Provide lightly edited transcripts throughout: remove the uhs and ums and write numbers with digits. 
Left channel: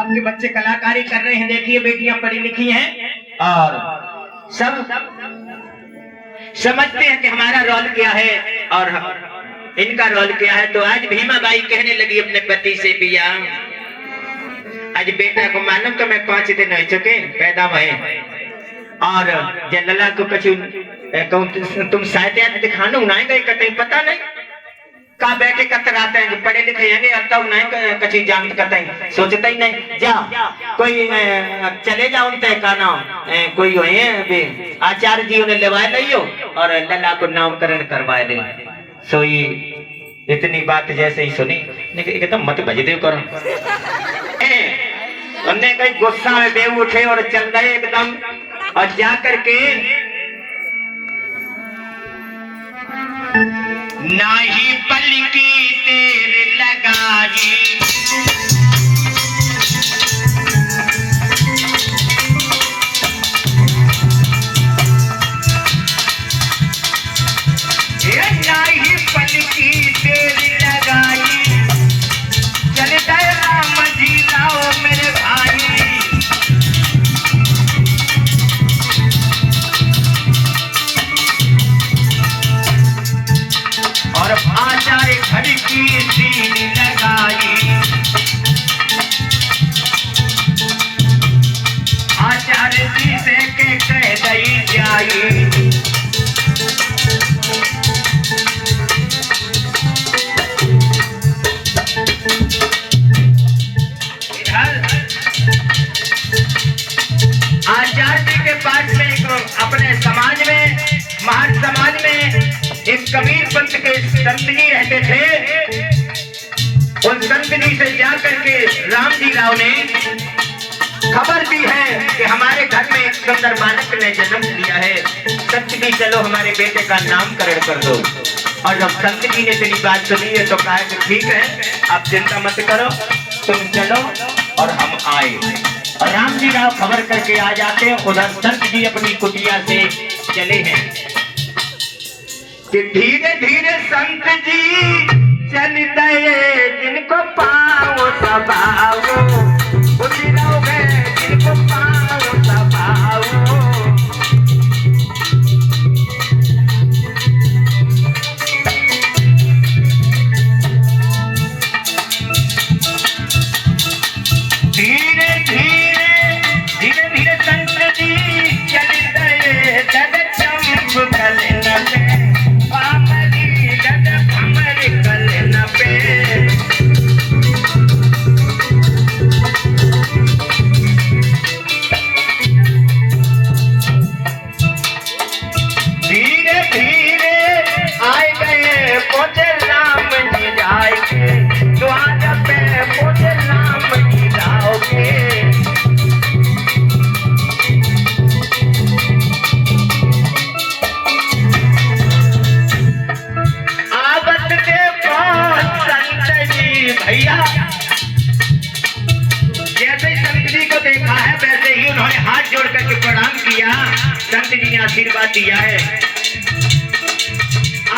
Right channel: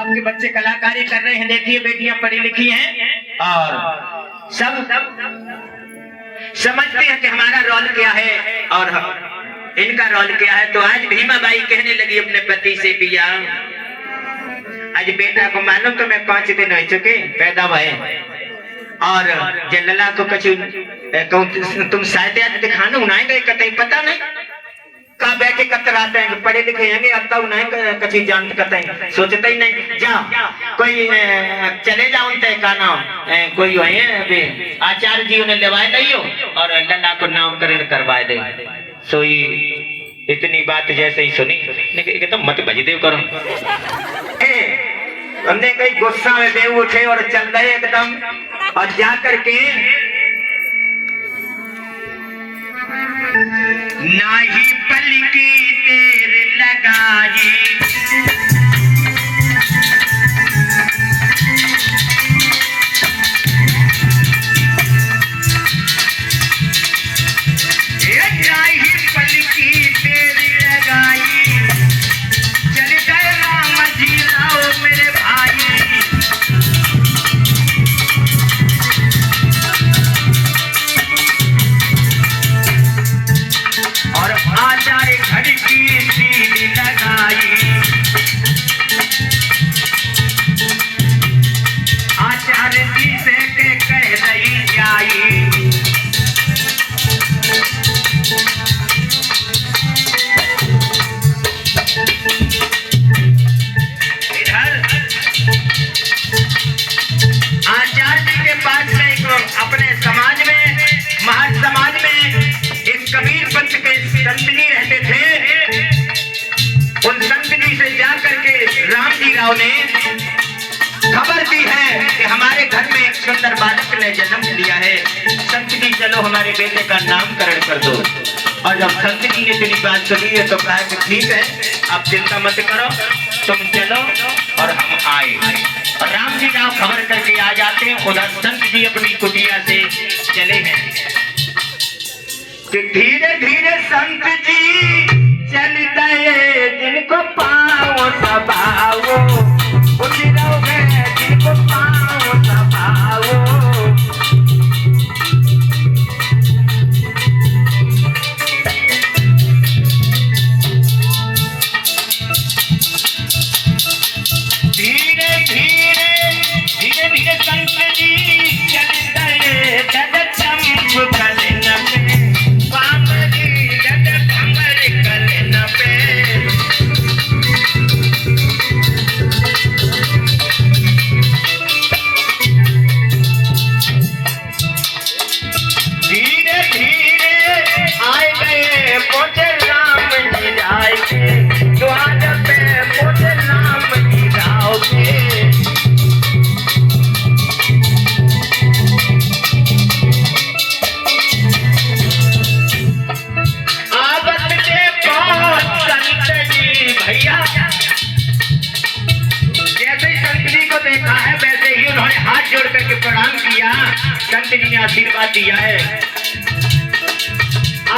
आपके बच्चे कलाकारी कर रहे हैं, देखिए बेटियां पढ़ी लिखी हैं और सब समझते हैं कि हमारा रोल क्या है और इनका रोल क्या है। तो आज भीमा बाई कहने लगी अपने पति से, पिया आज बेटा को मालूम तो मैं 5 दिन हो चुके पैदा हुए और जनला को कछु तुम शायद दिखाना उनाएंगे कतई पता नहीं का बैठे कतराते हैं, पढ़े लिखे हैं अब तक नहीं कछु जानते कतई सोचते ही नहीं। जा कोई चले जाओ उनते का नाम कोई है आचार्य जी उन्हें लेवाए नहीं हो और लला को नामकरण करवाए दे। सोई इतनी बात जैसे ही सुनी एकदम मत बजदेव करो उनने कोई गुस्सा में बे उठे और चल रहे एकदम और जा करके नाही पलकी देर लगाई नाही पलकी देर लगाई चल गए राम जी लाओ मेरे भाई। और आचार्य घड़ी की सीढ़ी लगाई आचार्य जी से के कह दई जाई। आचार्य जी के पास अपने समाज में महर्ष समाज में एक कबीर पंथ के संत जी रहते थे। उन संत जी से जाकर के राम जी राव ने खबर दी है कि हमारे घर में एक सुंदर बालक ने जन्म लिया है, संत जी चलो हमारे बेटे का नामकरण कर दो। और जब संत जी ने तेरी बात सुनी है तो कहा कि ठीक है आप चिंता मत करो तुम चलो और हम आए। और राम जी राव खबर करके आ जाते हैं। उधर संत जी अपनी कुटिया से चले हैं कि धीरे धीरे संत जी चल गए जिनको पाँव दबाओ जिनको पाँव दबाओ। धीरे धीरे धीरे संत जी चल गए चंप कलन पे पामरी कमर कलन पे। धीरे धीरे आए गए पहुंचे राम जी जाए द्वार पे पहुंचे राम जी जाओगे। भैया जैसे संत जी को देखा है वैसे ही उन्होंने हाथ जोड़ करके प्रणाम किया। संत जी ने आशीर्वाद दिया है।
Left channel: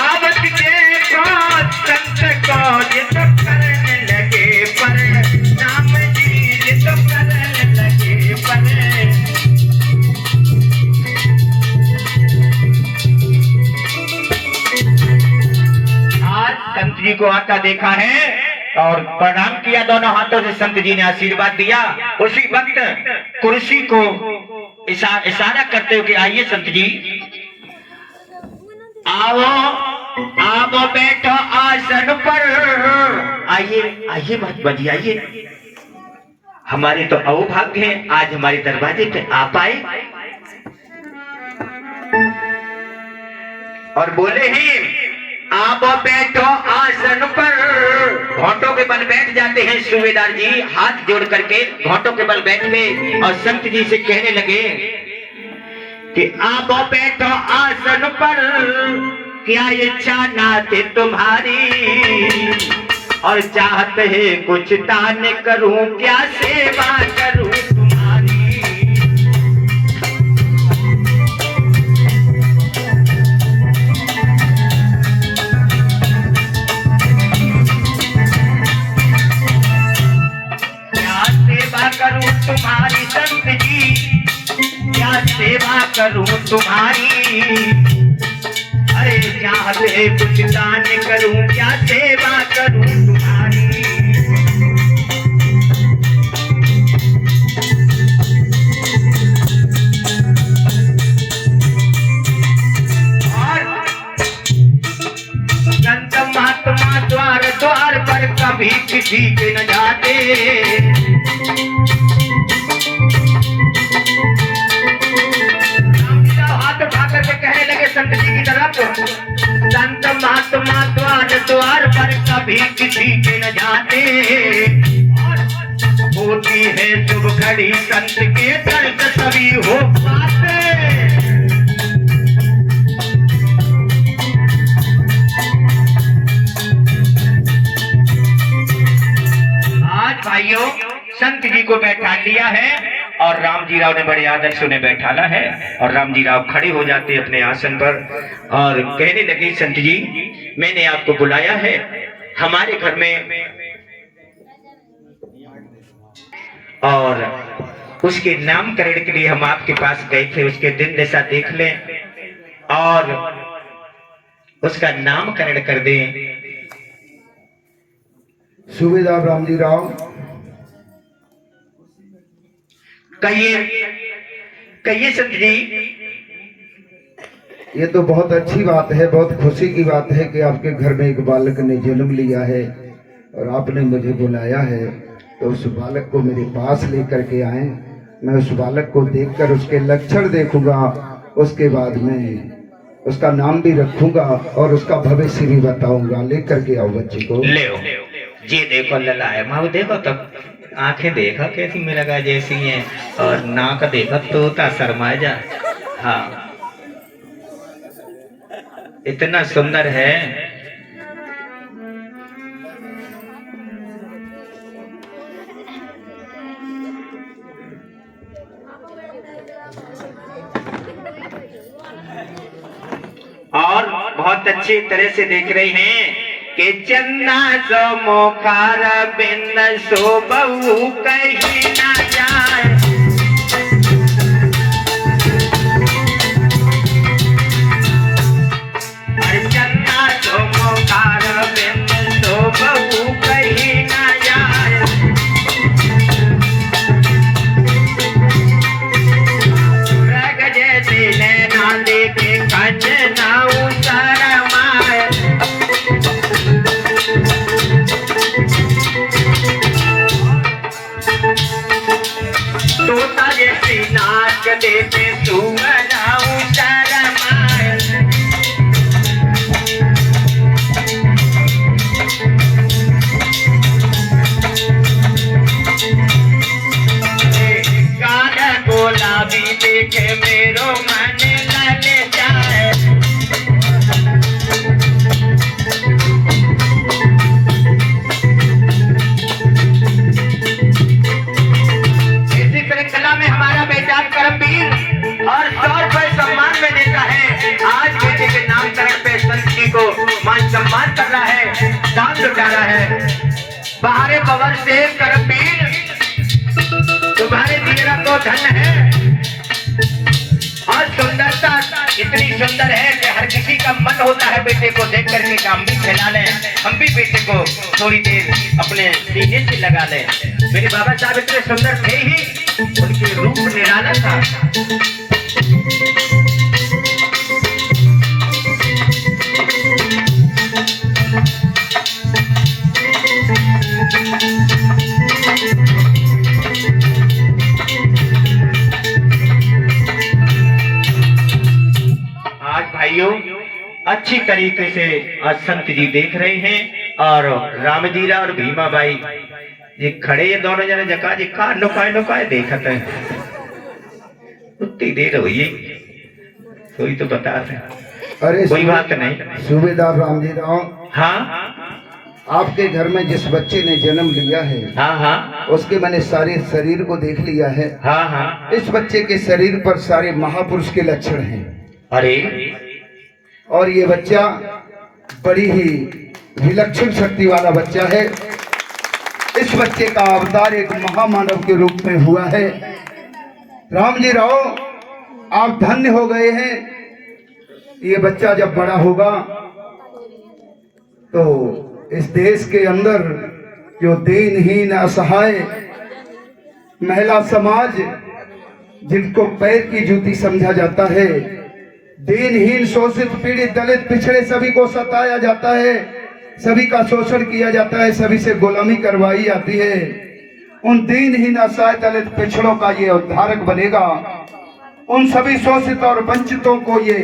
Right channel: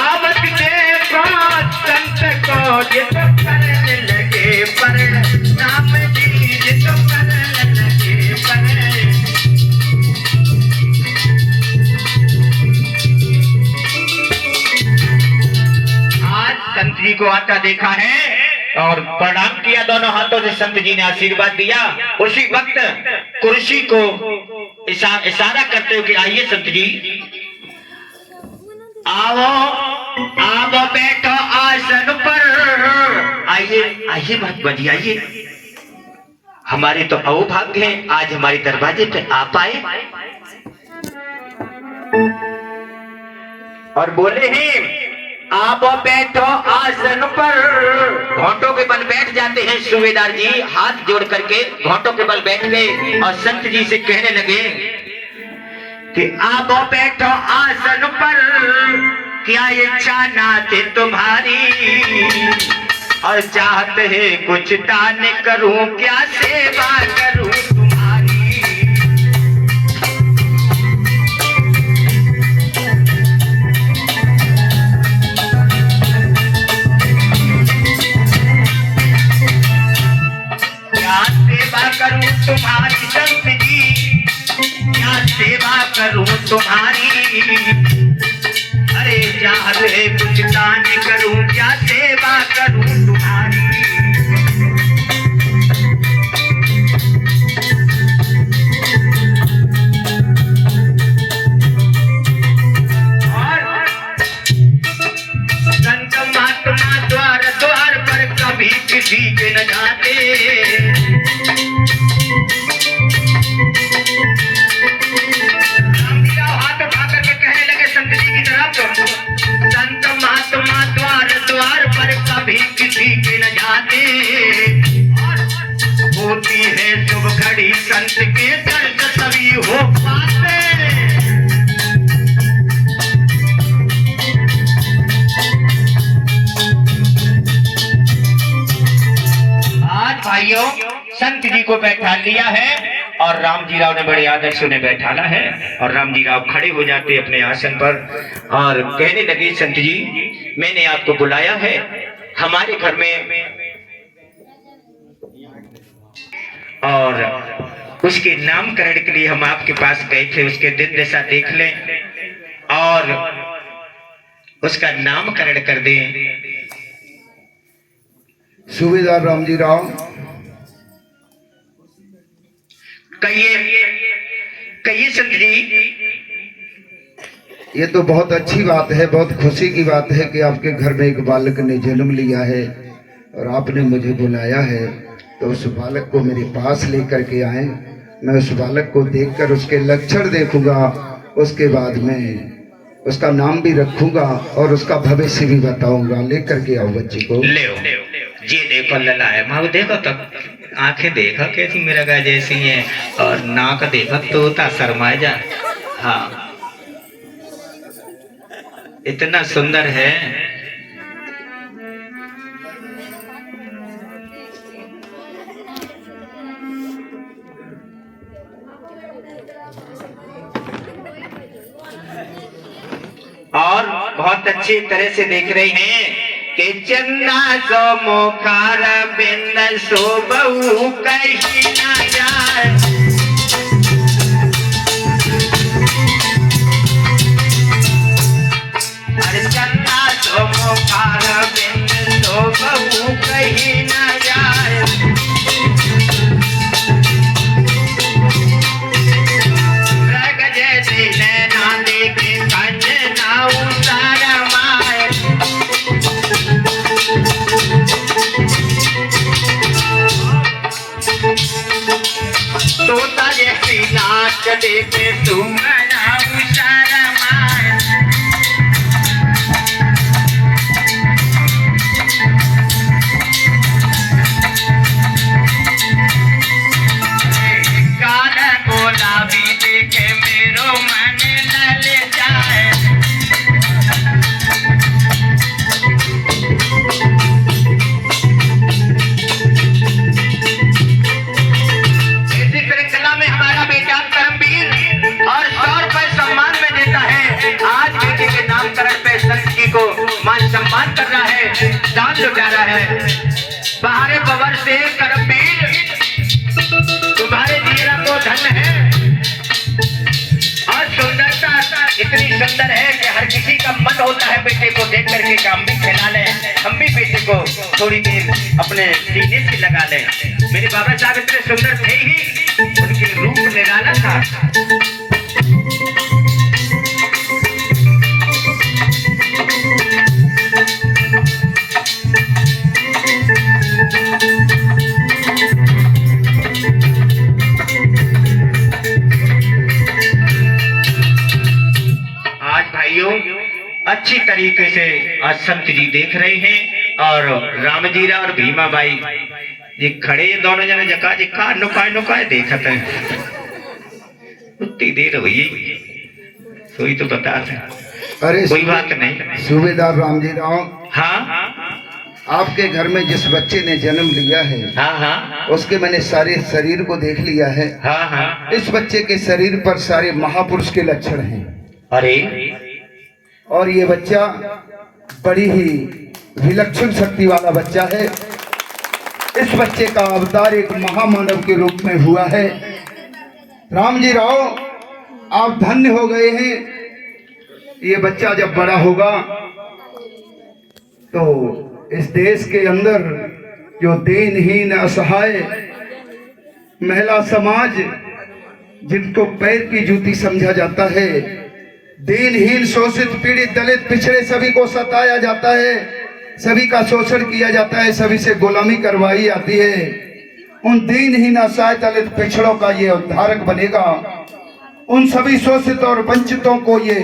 आवत के संत को जिस करने लगे पर नाम जी जिस करने लगे पर। आज संत जी को आता देखा है और प्रणाम किया दोनों हाथों से। संत जी ने आशीर्वाद दिया। उसी वक्त कुर्सी को इशारा करते हुए आइए संत जी आओ आप बैठो आसन पर। आइए आइए मत बजिए आइए। हमारे तो अहोभाग्य है आज हमारे दरवाजे पे आप आए और बोले हैं आप बैठो आसन पर। घोंटों के बल बैठ जाते हैं सूबेदार जी, हाथ जोड़ करके घोंटों के बल बैठ गए और संत जी से कहने लगे कि आप बैठो आसन पर। क्या इच्छा नाते तुम्हारी और चाहते है कुछ दान करूं क्या सेवा करूं तुम्हारी। क्या सेवा करूं तुम्हारी संत जी, क्या सेवा करूं तुम्हारी। अरे चाहे कुछ दान करूं, क्या सेवा करूं तुम्हारी। संत महात्मा द्वार द्वार पर कभी किसी के न जाते। हाथ उठा करके कहने लगे संत जी की तरफ, संत महात्मा द्वार द्वार पर कभी किसी के न जाते। होती है शुभ घड़ी संत के दर्द तभी हो पाते। भाइयों संत जी को बैठा लिया है और राम जी राव ने बड़े आदर से उन्हें बैठाला है और राम जी राव खड़े हो जाते अपने आसन पर और कहने लगे, संत जी मैंने आपको बुलाया है हमारे घर में और उसके नामकरण के लिए हम आपके पास गए थे। उसके दिन दशा देख लें और उसका नामकरण कर दें। सूबेदार रामजी राव, कहिए संत जी। ये तो बहुत अच्छी बात है, बहुत खुशी की बात है कि आपके घर में एक बालक ने जन्म लिया है और आपने मुझे बुलाया है, तो उस बालक को मेरे पास लेकर के आए। मैं उस बालक को देखकर उसके लक्षण देखूंगा, उसके बाद में उसका नाम भी रखूंगा और उसका भविष्य भी बताऊंगा। लेकर के आओ बच्चे को। ले ये देखो लला है माँ, देखो तो आंखें देखो कैसी मेरा गाय जैसी है और नाक देखो तोता शर्मा जा। हाँ इतना सुंदर है। और बहुत अच्छी तरह से देख रहे हैं कि चन्ना सो मोखार बिंद सो बहु कहीं ना जाए। अरे चन्ना सो मोखार बिंद सो बहु कहीं ना जाए। रग जैसे नैना देखे कंज ना उतार माए। तोता जैसी नाक देखे तुम शर्माए। काल गुलाबी देखे मेरो मन लल जाए। और 100 रुपए सम्मान में देता है। आज बेटे के नामकरण पे संत जी को मान सम्मान कर रहा है, दान लुटा रहा है। बाहरे पवन से करमवीर तुम्हारे जीरा को धन है और सुंदरता इतनी सुंदर है कि हर किसी का मन होता है बेटे को देख करके कि हम भी खिला लें, हम भी बेटे को थोड़ी देर अपने सीने से लगा लें। मेरे बाबा साहब इतने सुंदर थे ही, उनके रूप निराला था। आज भाइयों अच्छी तरीके से आज संत जी देख रहे हैं और रामजीरा और भीमा बाई ये खड़े ये दोनों जने जका जी का नुकाए देखते हैं। उतनी देर हुई है कोई तो बता रहे। अरे कोई बात नहीं। सूबेदार रामजी राव, हाँ आपके घर में जिस बच्चे ने जन्म लिया है, हाँ हाँ उसके मैंने सारे शरीर को देख लिया है। हाँ हाँ इस बच्चे के शरीर पर सारे महापुरुष के लक्षण हैं। अरे और ये बच्चा बड़ी ही विलक्षण शक्ति वाला बच्चा है। इस बच्चे का अवतार एक महामानव के रूप में हुआ है। राम जी राव, आप धन्य हो गए हैं। ये बच्चा जब बड़ा होगा तो इस देश के अंदर जो दीनहीन असहाय महिला समाज, जिनको पैर की जूती समझा जाता है, दीनहीन शोषित पीड़ित दलित पिछड़े सभी को सताया जाता है, सभी का शोषण किया जाता है, सभी से गुलामी करवाई जाती है, उन दीनहीन असहाय दलित पिछड़ों का ये उद्धारक बनेगा। उन सभी शोषित और वंचितों को ये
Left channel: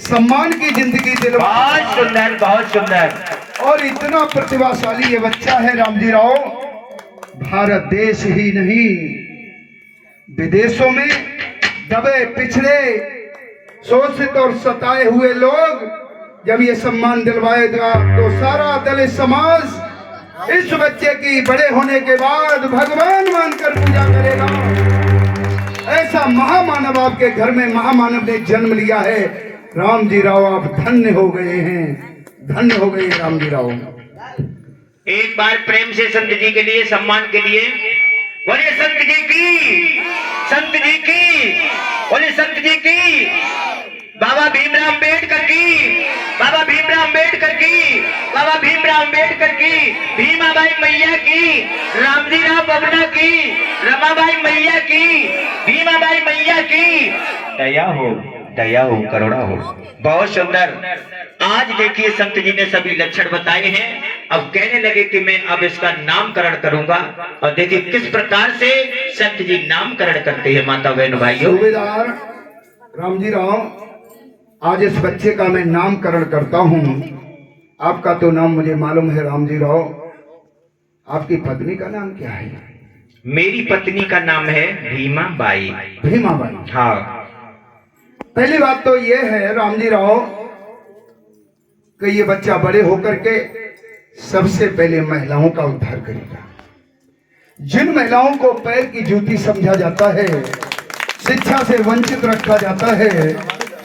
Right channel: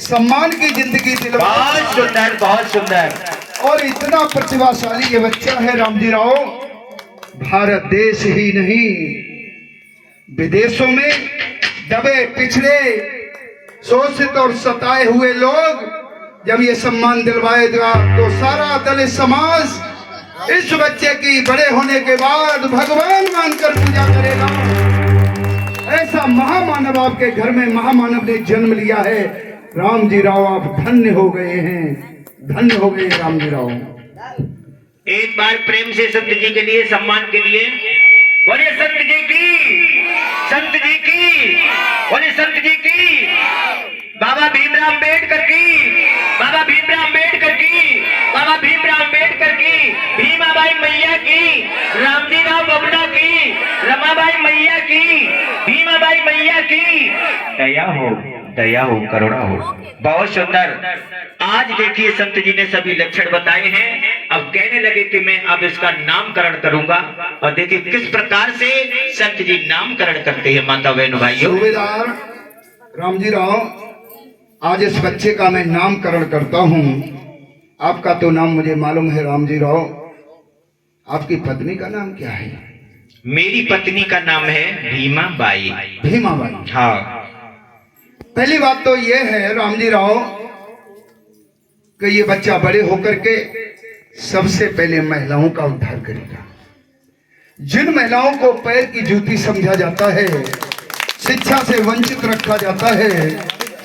सम्मान की जिंदगी दिलवा। बहुत सुंदर, बहुत सुंदर। और इतना प्रतिभाशाली ये बच्चा है राम जी राव, भारत देश ही नहीं विदेशों में दबे पिछड़े शोषित और सताए हुए लोग जब ये सम्मान दिलवाएगा तो सारा दलित समाज इस बच्चे की बड़े होने के बाद भगवान मानकर पूजा करेगा। ऐसा महामानव आपके घर में महामानव ने जन्म लिया है। राम जी राव, आप धन्य हो गए हैं, धन्य हो गए राम जी राव। एक बार प्रेम से संत जी के लिए, सम्मान के लिए बोलिए संत जी की, संत जी की, बोलिए संत जी की, बाबा भीमराव अम्बेडकर की, बाबा भीमराव अम्बेडकर की, बाबा भीमराव अम्बेडकर की, भीमाबाई मैया की, रामजी राव बबला की, रमाबाई मैया की, भीमाबाई मैया की, दया हो, दया हो, करुणा हो। बहुत सुंदर। आज देखिए संत जी ने सभी लक्षण बताए हैं। अब कहने लगे कि मैं अब इसका नामकरण करूंगा, और देखिए किस प्रकार से संत जी नामकरण करते हैं। माता बहनों भाइयों, सूबेदार राम जी राव, आज इस बच्चे का मैं नामकरण करता हूँ। आपका तो नाम मुझे मालूम है राम जी राव, आपकी पत्नी का नाम क्या है? मेरी पत्नी का नाम है भीमाबाई। भीमाबाई। हाँ। पहली बात तो ये है राम जी राव कि ये बच्चा बड़े होकर के सबसे पहले महिलाओं का उद्धार करेगा। जिन महिलाओं को पैर की जूती समझा जाता है, शिक्षा से वंचित रखा जाता है,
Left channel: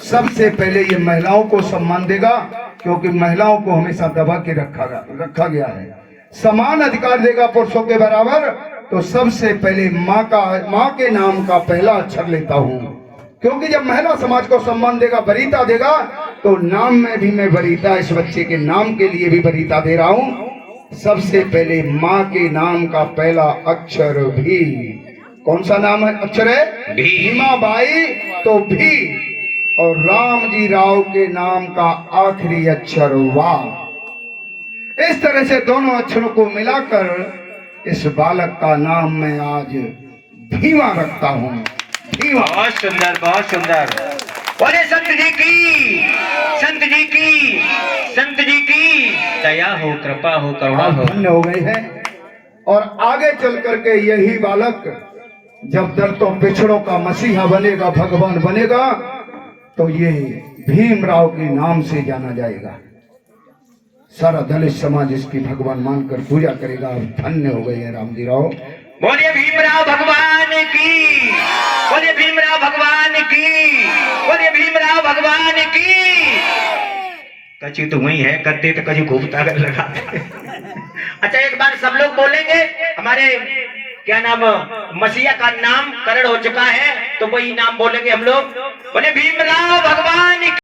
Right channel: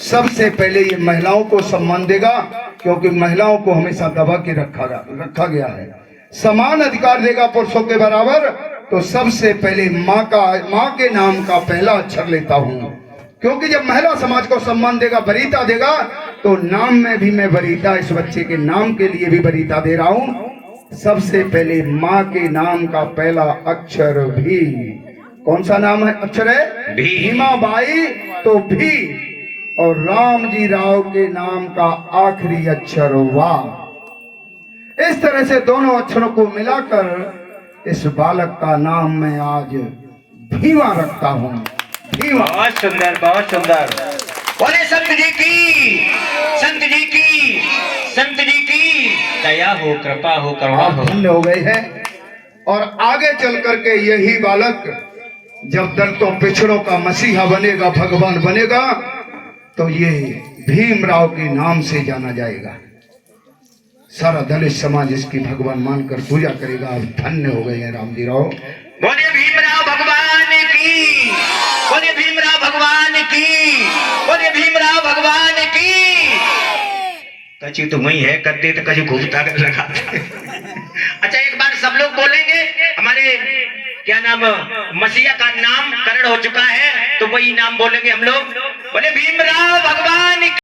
सबसे पहले ये महिलाओं को सम्मान देगा, क्योंकि महिलाओं को हमेशा दबा के रखा गया है। समान अधिकार देगा पुरुषों के बराबर। तो सबसे पहले माँ के नाम का पहला अक्षर लेता हूँ, क्योंकि जब महिला समाज को सम्मान देगा, वरीयता देगा, तो नाम में भी मैं वरीयता, इस बच्चे के नाम के लिए भी वरीयता दे रहा हूँ। सबसे पहले माँ के नाम का पहला अक्षर भी। कौन सा नाम है, अक्षर है? भीमाबाई। तो भी। और राम जी राव के नाम का आखिरी अक्षर वाह। इस तरह से दोनों अक्षरों को मिलाकर इस बालक का नाम मैं आज भीमा रखता हूँ। भीमा। बहुत सुंदर, बहुत सुंदर। बोले संत जी की, संत जी की, संत जी की दया हो, कृपा हो, करुणा हो। धन्य हो गए हैं। और आगे चल करके यही बालक जब दलितों पिछड़ों का मसीहा बनेगा, भगवान बनेगा, तो ये भीमराव के नाम से जाना जाएगा। सारा दलित समाज इसकी भगवान मानकर पूजा करेगा। आप धन्य हो गए हैं राम जी राव। बोलिए भीमराव भगवान की, बोलिए भीमराव भगवान की, बोलिए भीमराव भगवान की। कची तो वही है, करते तो कची घूमता कर लगाते। अच्छा, एक बार सब लोग बोलेंगे, हमारे क्या नाम, मसीहा का नाम करण हो चुका है, तो वही नाम बोलेंगे हम लोग। बोले भीमराव भगवान की।